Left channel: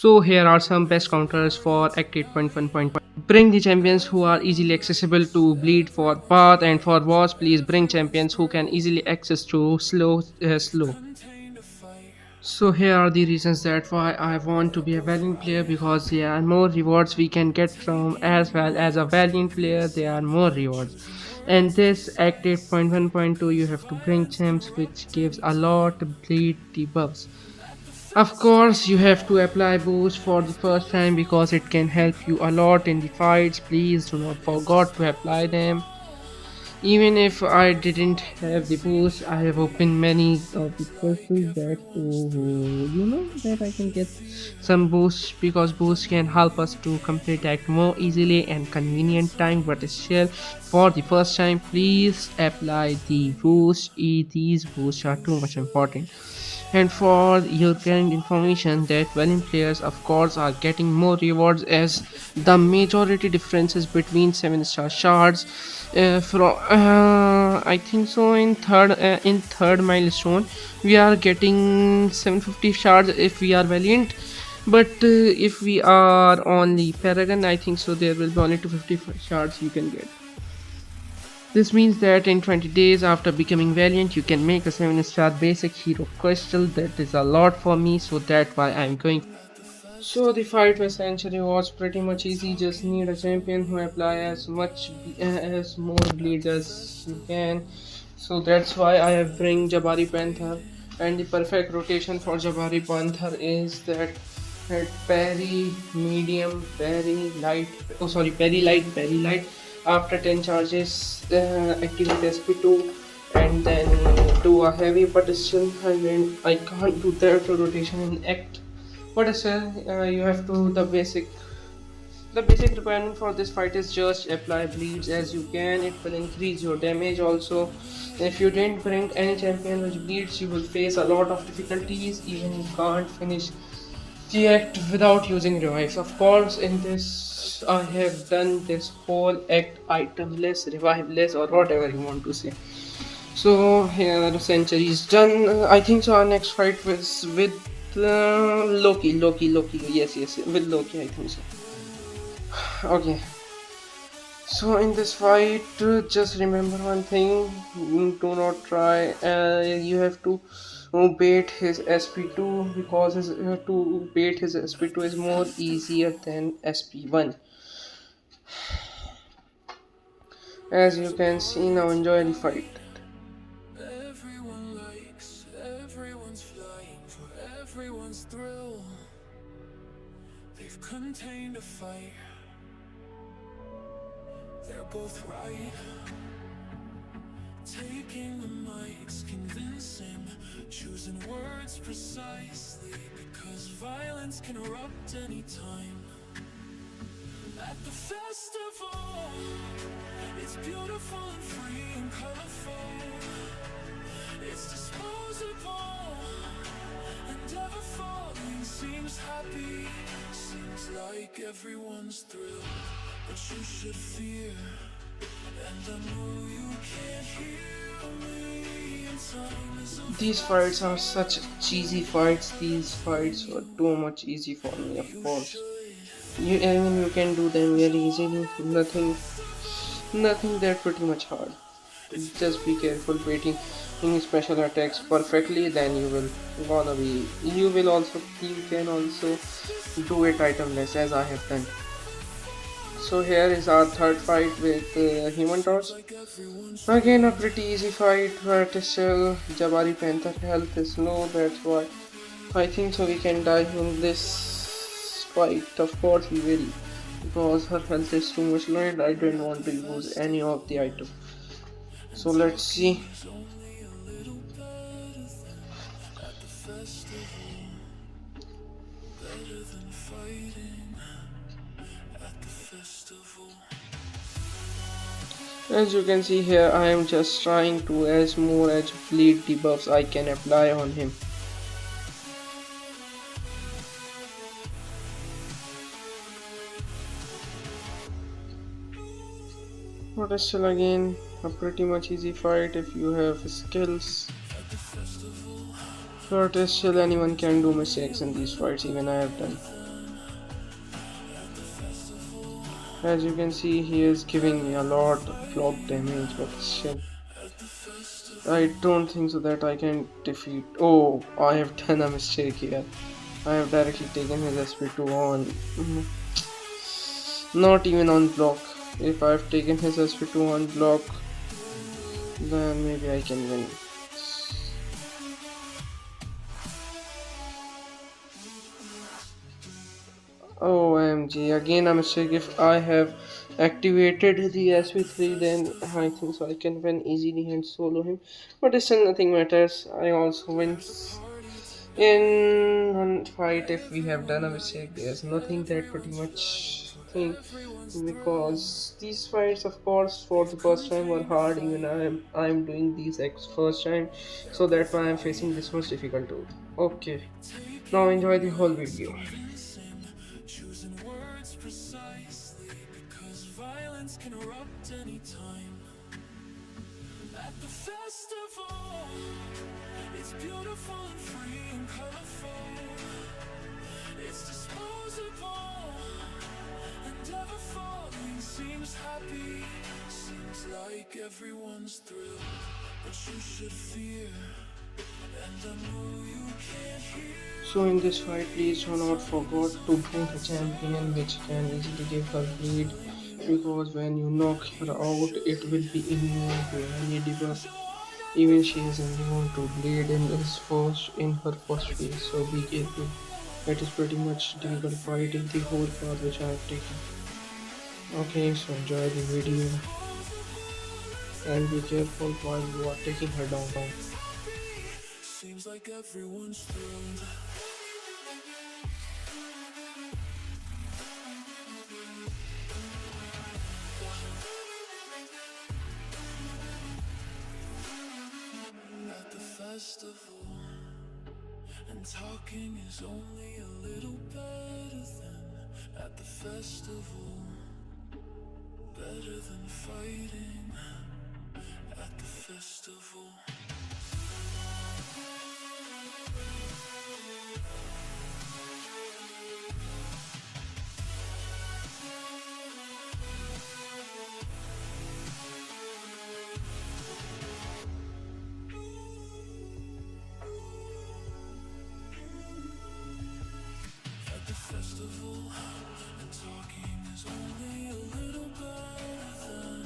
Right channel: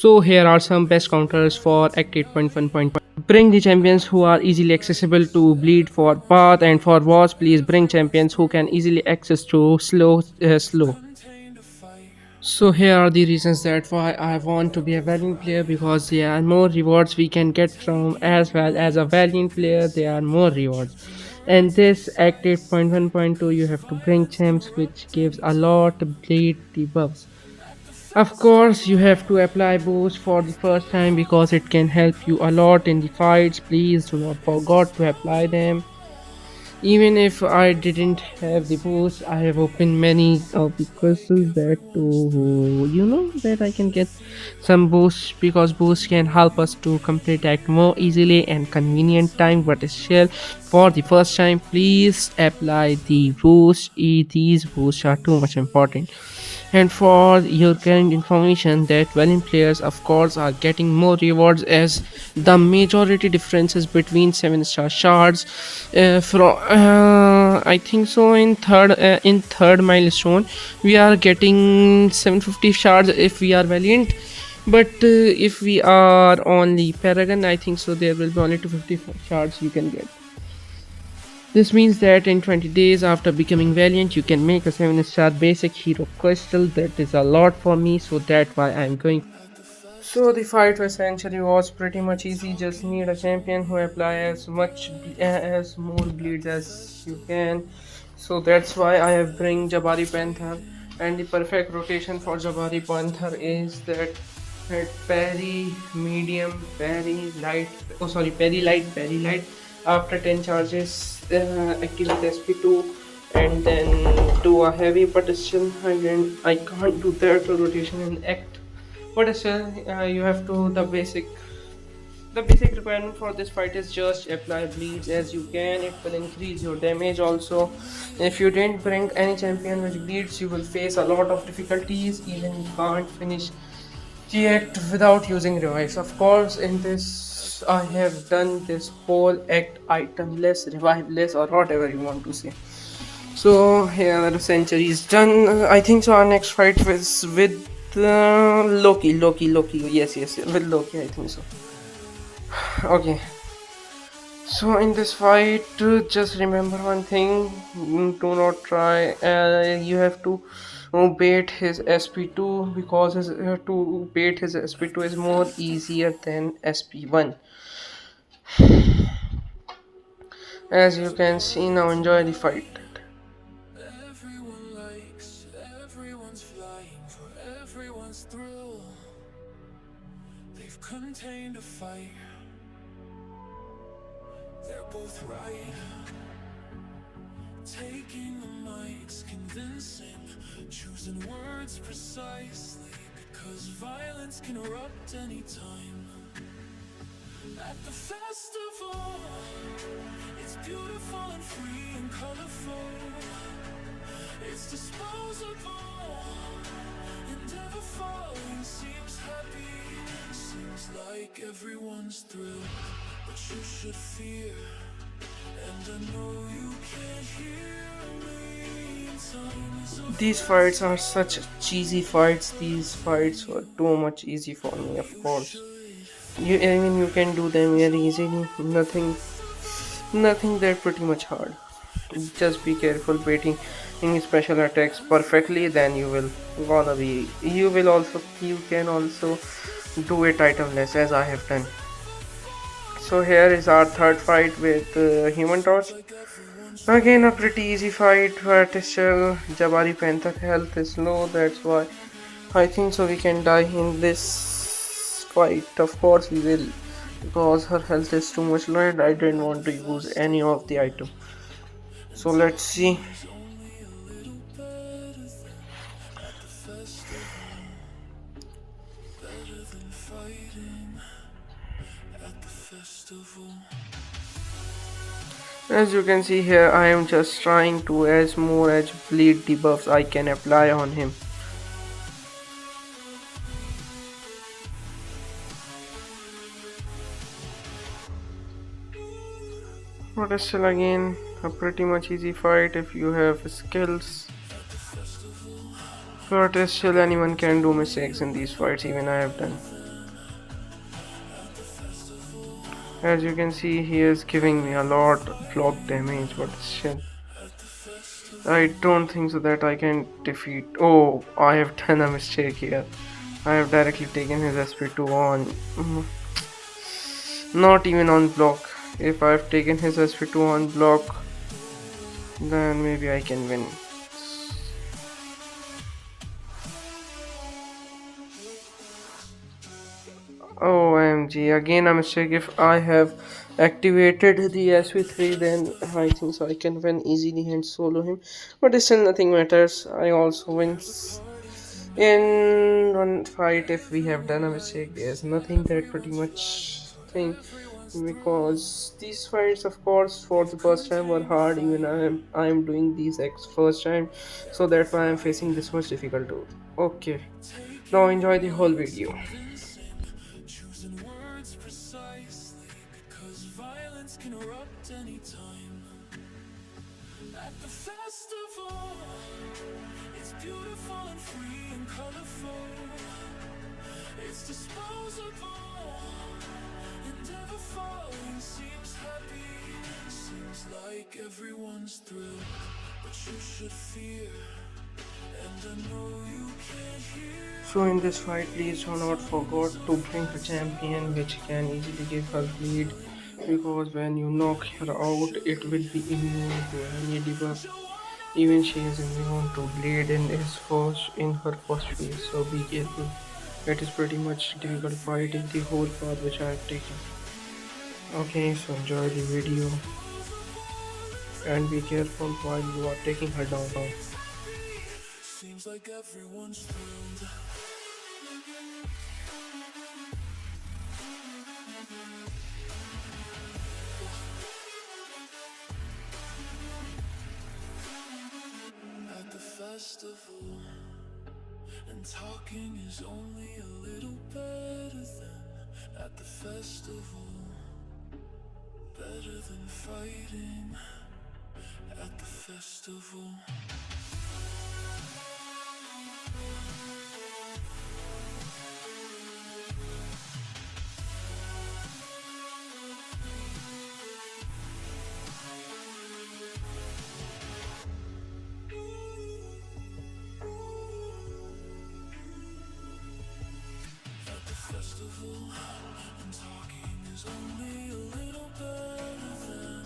So here are some best counters for Act 8.1. Bring the champions who are easily accessible to bleed for path, and for wars please bring champions who can easily access to slow. So here are the reasons that why I want to be a Valiant player, because there are more rewards we can get from, as well as a Valiant player there are more rewards. And this Act 8.1.2 you have to bring champs which gives a lot bleed debuffs. Of course, you have to apply boost for the first time because it can help you a lot in the fights. Please do not forget to apply them. Even if I didn't have the boost, I have opened many of the crystals that that I can get some boosts, because boost can help us to complete act more easily and convenient time. But still, for the first time, please apply the boost. These boosts are too much important. And for your current information, that Valiant players of course are getting more rewards, as the majority differences between 7-star shards from I think so in third milestone we are getting 750 shards if we are Valiant. But if we are on the Paragon, I think so there will be only 250 shards you can get. This means that in 20 days after becoming Valiant, you can make a 7-star basic hero crystal. That is a lot for me, so that's why I'm going. So the fight with Century was pretty much easy. Just need a champion who apply as more bleeds as you can. So that's why I have bring Jabari Panther, and the perfect rotation for Jabari Panther is that parry medium, parry light. Oh sorry, parry light, parry light. After 10 charges, activate SP2 and then do a heavy, but still I can't do that rotation in act. But still, you have to the basic requirement for this fight is just apply bleeds as you can. It will increase your damage also. If you didn't bring any champion which bleeds, you will face a lot of difficulties. Even you can't finish the act without using revives. Of course, in this I have done this whole act itemless, reviveless, or whatever you want to say. So here the century is done. I think so. Our next fight was with Loki. Yes, with Loki. I think so. Okay. So in this fight, just remember one thing: do not try. You have to bait his SP2, because to bait his SP2 is more easier than SP1. As you can see now, enjoy the fight. Everyone likes, everyone's flying for everyone's thrill. They've contained a fight. They're both right. Taking the mics, convincing, choosing words precisely, because violence can erupt anytime. At the festival, it's beautiful and free and colorful. It's disposable and ever falling. Seems happy, seems like everyone's thrilled, but you should fear. And I know you can't hear me. Time is a These fights are such cheesy fights. These fights were too much easy for me, of you course. should. You can do them very easily. Nothing that pretty much hard. Just be careful baiting any special attacks perfectly, then you can also do it itemless as I have done. So here is our third fight with Human Torch. Like everyone's Again a pretty easy fight, but still Jabari Panther health is low, that's why I think so we can die in this fight. Of course we will, because her health is too much low and I didn't want to use any of the item. So let's see. only a little better than at the festival. Better than fighting at the festival. As you can see here, I am just trying to as more as bleed debuffs I can apply on him. But still again a pretty much easy fight if you have skills. But still anyone can do mistakes in these fights, even I have done. As you can see, he is giving me a lot block damage, but still, I don't think so that I can defeat. Oh, I have done a mistake here. I have directly taken his SP2 on. Not even on block. If I've taken his SP2 on block, then maybe I can win. OMG, again a mistake. If I have activated the SP3, then I think so I can win easily and solo him. But still, nothing matters. I also win. In one fight, if we have done a mistake, there's nothing that pretty much thing, because these fights, of course, for the first time were hard. Even I am doing these first time, so that's why I'm facing this much difficult. Okay, now enjoy the whole video. Choosing words precisely because violence can erupt anytime. At the festival, it's beautiful and free and colorful. It's disposable and ever falling. Seems happy, seems like everyone's thrilled, but you should fear, and I know you can't hear. So in this fight, please do not forget to bring a champion which can easily give her bleed, because when you knock her out, it will be immune to any debuff. Even she is immune to bleed in her first phase, so be careful. It is pretty much difficult fight in the whole path which I have taken. Okay, so enjoy the video and be careful while you are taking her down. Seems like everyone's thrilled. At the festival, and talking is only a little better than at the festival. Better than fighting at the festival. At the festival, and talking is only a little better than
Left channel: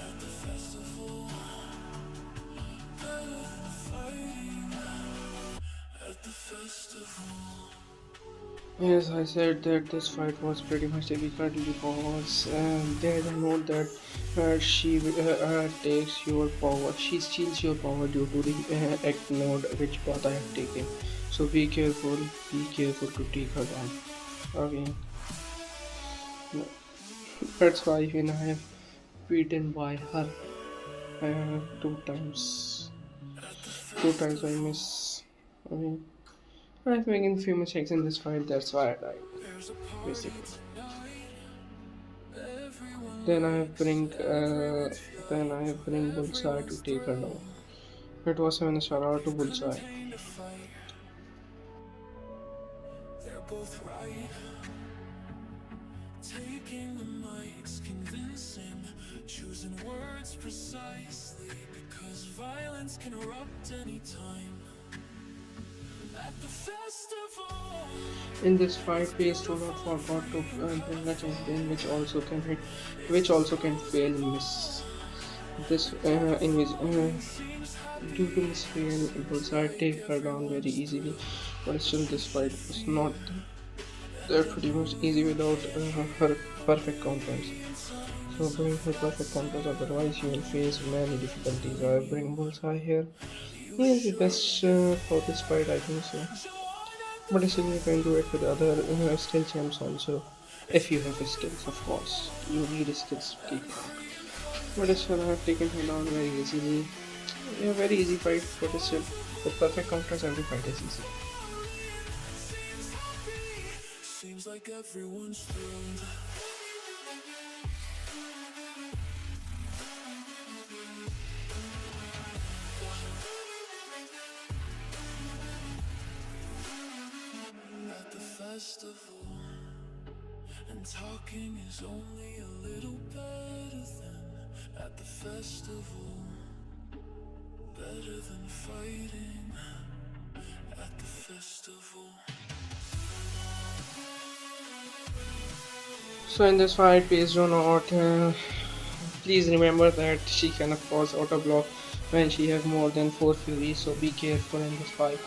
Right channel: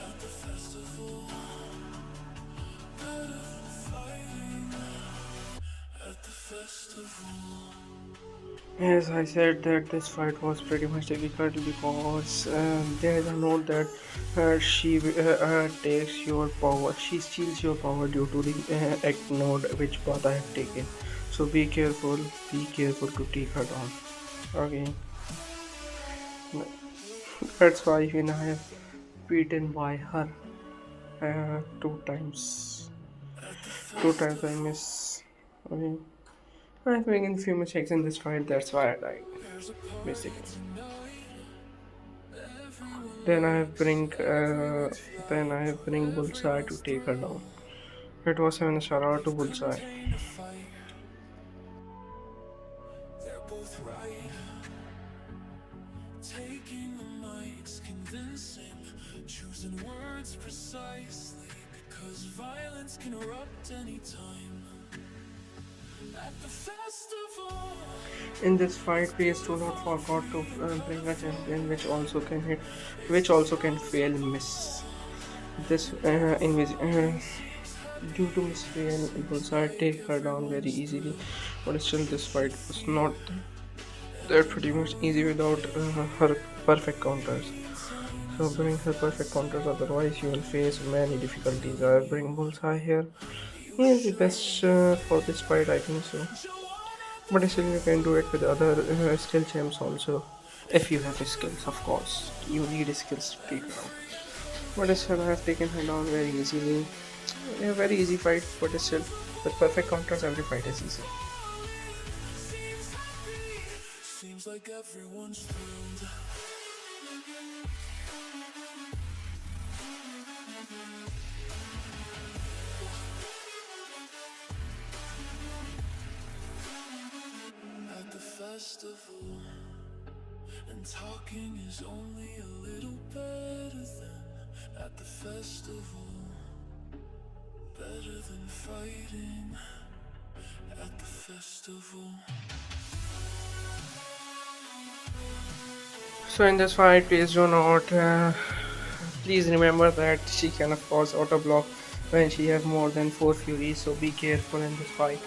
at the festival. Better than fighting at the festival. Yes, I said that this fight was pretty much difficult because there is a note that she takes your power. She steals your power due to the act node which path I have taken. So be careful. Be careful to take her down. Okay, that's why even I have beaten by her 2 times. At the 2 times I festival, miss. Okay, I've making few mistakes in this fight. That's why I died. there's a party Basically. tonight. Everyone Then I have likes bring it. then I have bring Bullseye to Everyone's take her down. thrilled. It was 7 star to You've come in Bullseye. vain to fight. They're both right. Taking the mics, convincing, choosing words precisely because violence can erupt anytime. At the festival, In this fight, please do not forget to bring a champion which also can fail miss. This due to miss fail, Bullseye take her down very easily, but still this fight was not that pretty much easy without her perfect counters. So bring her perfect counters, otherwise you will face many difficulties. I bring Bullseye here. He is the best for this fight, I think so. But still, you can do it with other skill champs also. If you have skills, of course. You need skills to take her out. But still, I have taken her down very easily. A very easy fight, but still, with perfect counters, every fight is easy. seems like everyone's thrilled. At the festival, and talking is only a little better than at the festival. Better than fighting at the festival. So in this fight, please do not. Please remember that she can of course auto block when she has more than 4 furies. So be careful in this fight.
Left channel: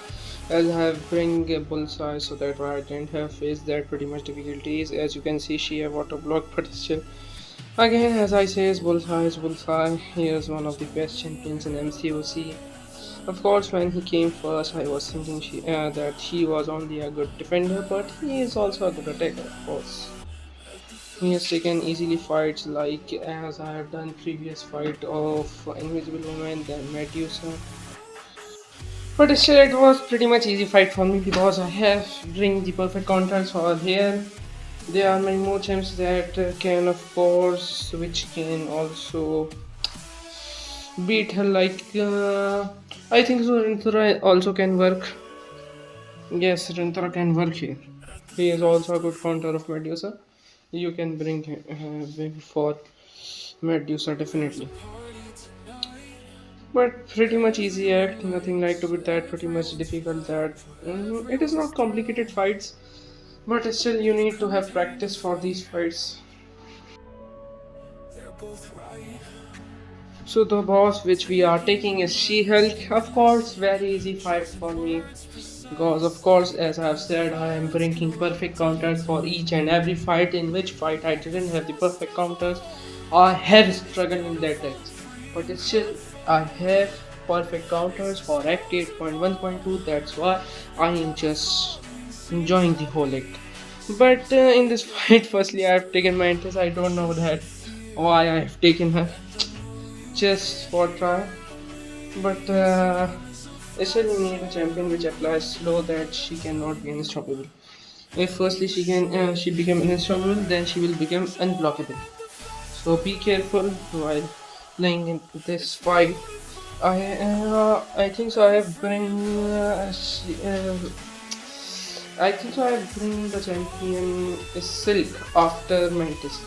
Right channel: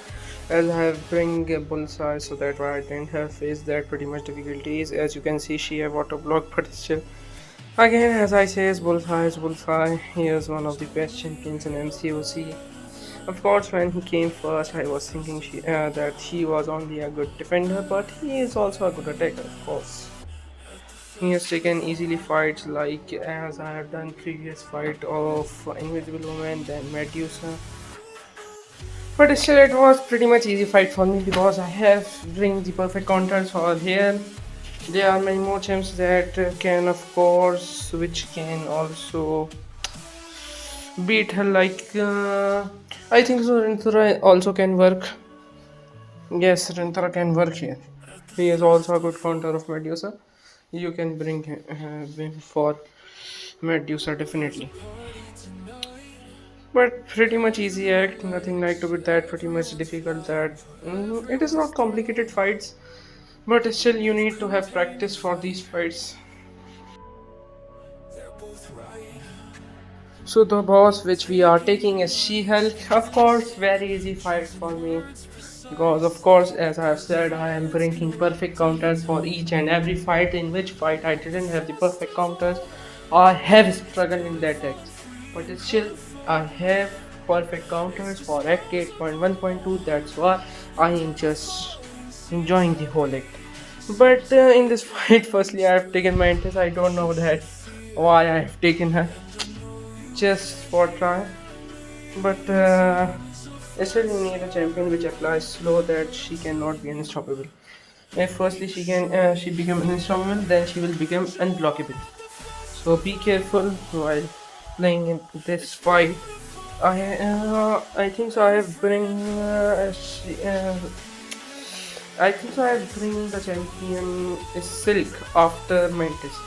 As I have bring a bullseye, so that why I didn't have faced that pretty much difficulties. As you can see, she have auto block, but still. Again, as I say, bullseye is bullseye. He is one of the best champions in MCOC. Of course, when he came first, I was thinking that he was only a good defender, but he is also a good attacker, of course. He has taken easily fights like as I have done previous fight of Invisible Woman, then Medusa. But still, it was pretty much easy fight for me because I have bring the perfect counters for here. There are many more champs that can, of course, which can also beat her. Like I think so. Rinthra also can work. Yes, Rinthra can work here. He is also a good counter of Medusa. You can bring him for Medusa definitely. But pretty much easy act, nothing like to be that pretty much difficult that it is not complicated fights, but still you need to have practice for these fights. They're both right. So the boss which we are taking is SheHulk. Of course, very easy fight for me. Because of course, as I have said, I am bringing perfect counters for each and every fight. In which fight I didn't have the perfect counters, I have struggled in that X. But still, I have perfect counters for Act 8.1.2. That's why I am just enjoying the whole act. But in this fight, firstly, I have taken Mantis. I don't know that why I have taken her just for try. But still, you need a champion which applies slow that she cannot be unstoppable. If firstly she become unstoppable, then she will become unblockable. So be careful while playing in this fight. I think so. I think so. I have bring the champion is Silk after Mantis,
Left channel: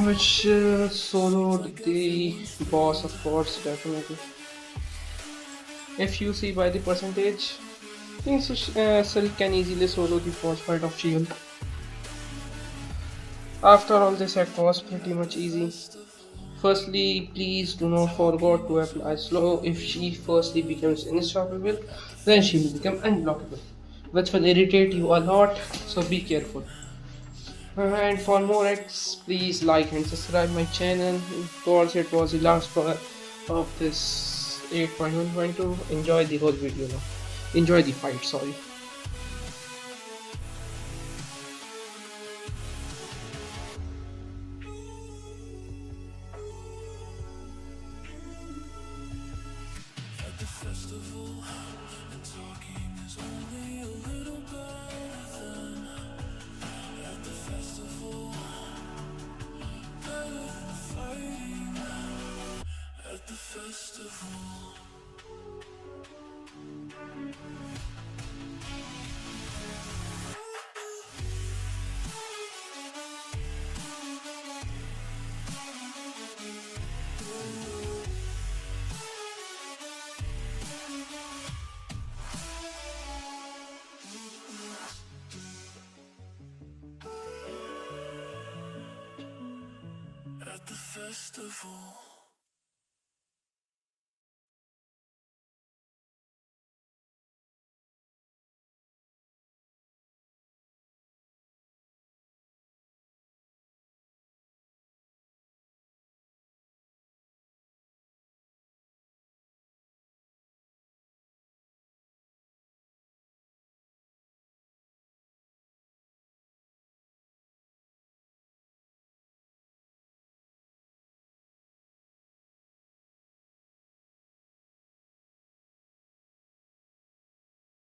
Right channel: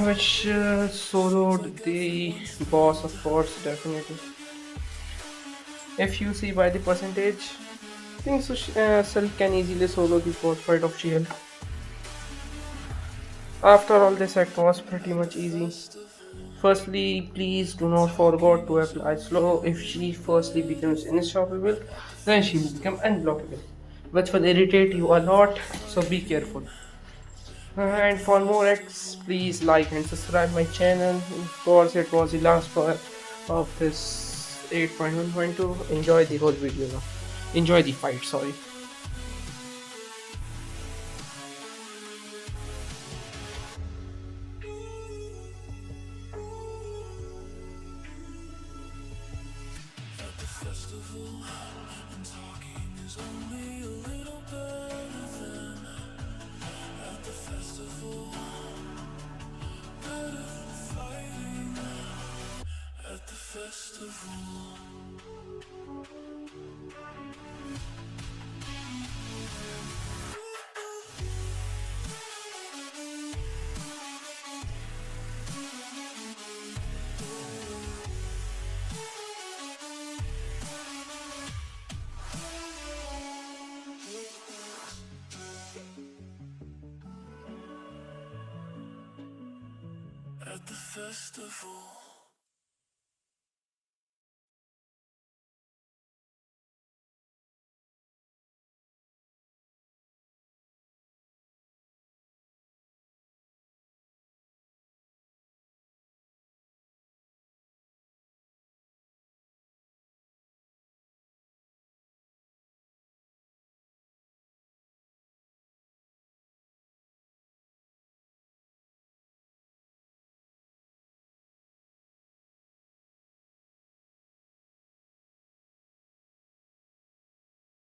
which soloed the boss, of course, definitely. If you see by the percentage, I think so, Silk can easily solo the boss fight of Shield. After all, this act was pretty much easy. Firstly, please do not forget to apply slow. If she firstly becomes unstoppable, then she will become unblockable, which will irritate you a lot. So be careful. And for more acts, please like and subscribe my channel. Of course, it was the last part of this 8.1.2. Enjoy the whole video now. Enjoy the fight. Sorry. At the festival, and talking is only a little better than at the festival. Better than fighting at the festival. At the festival.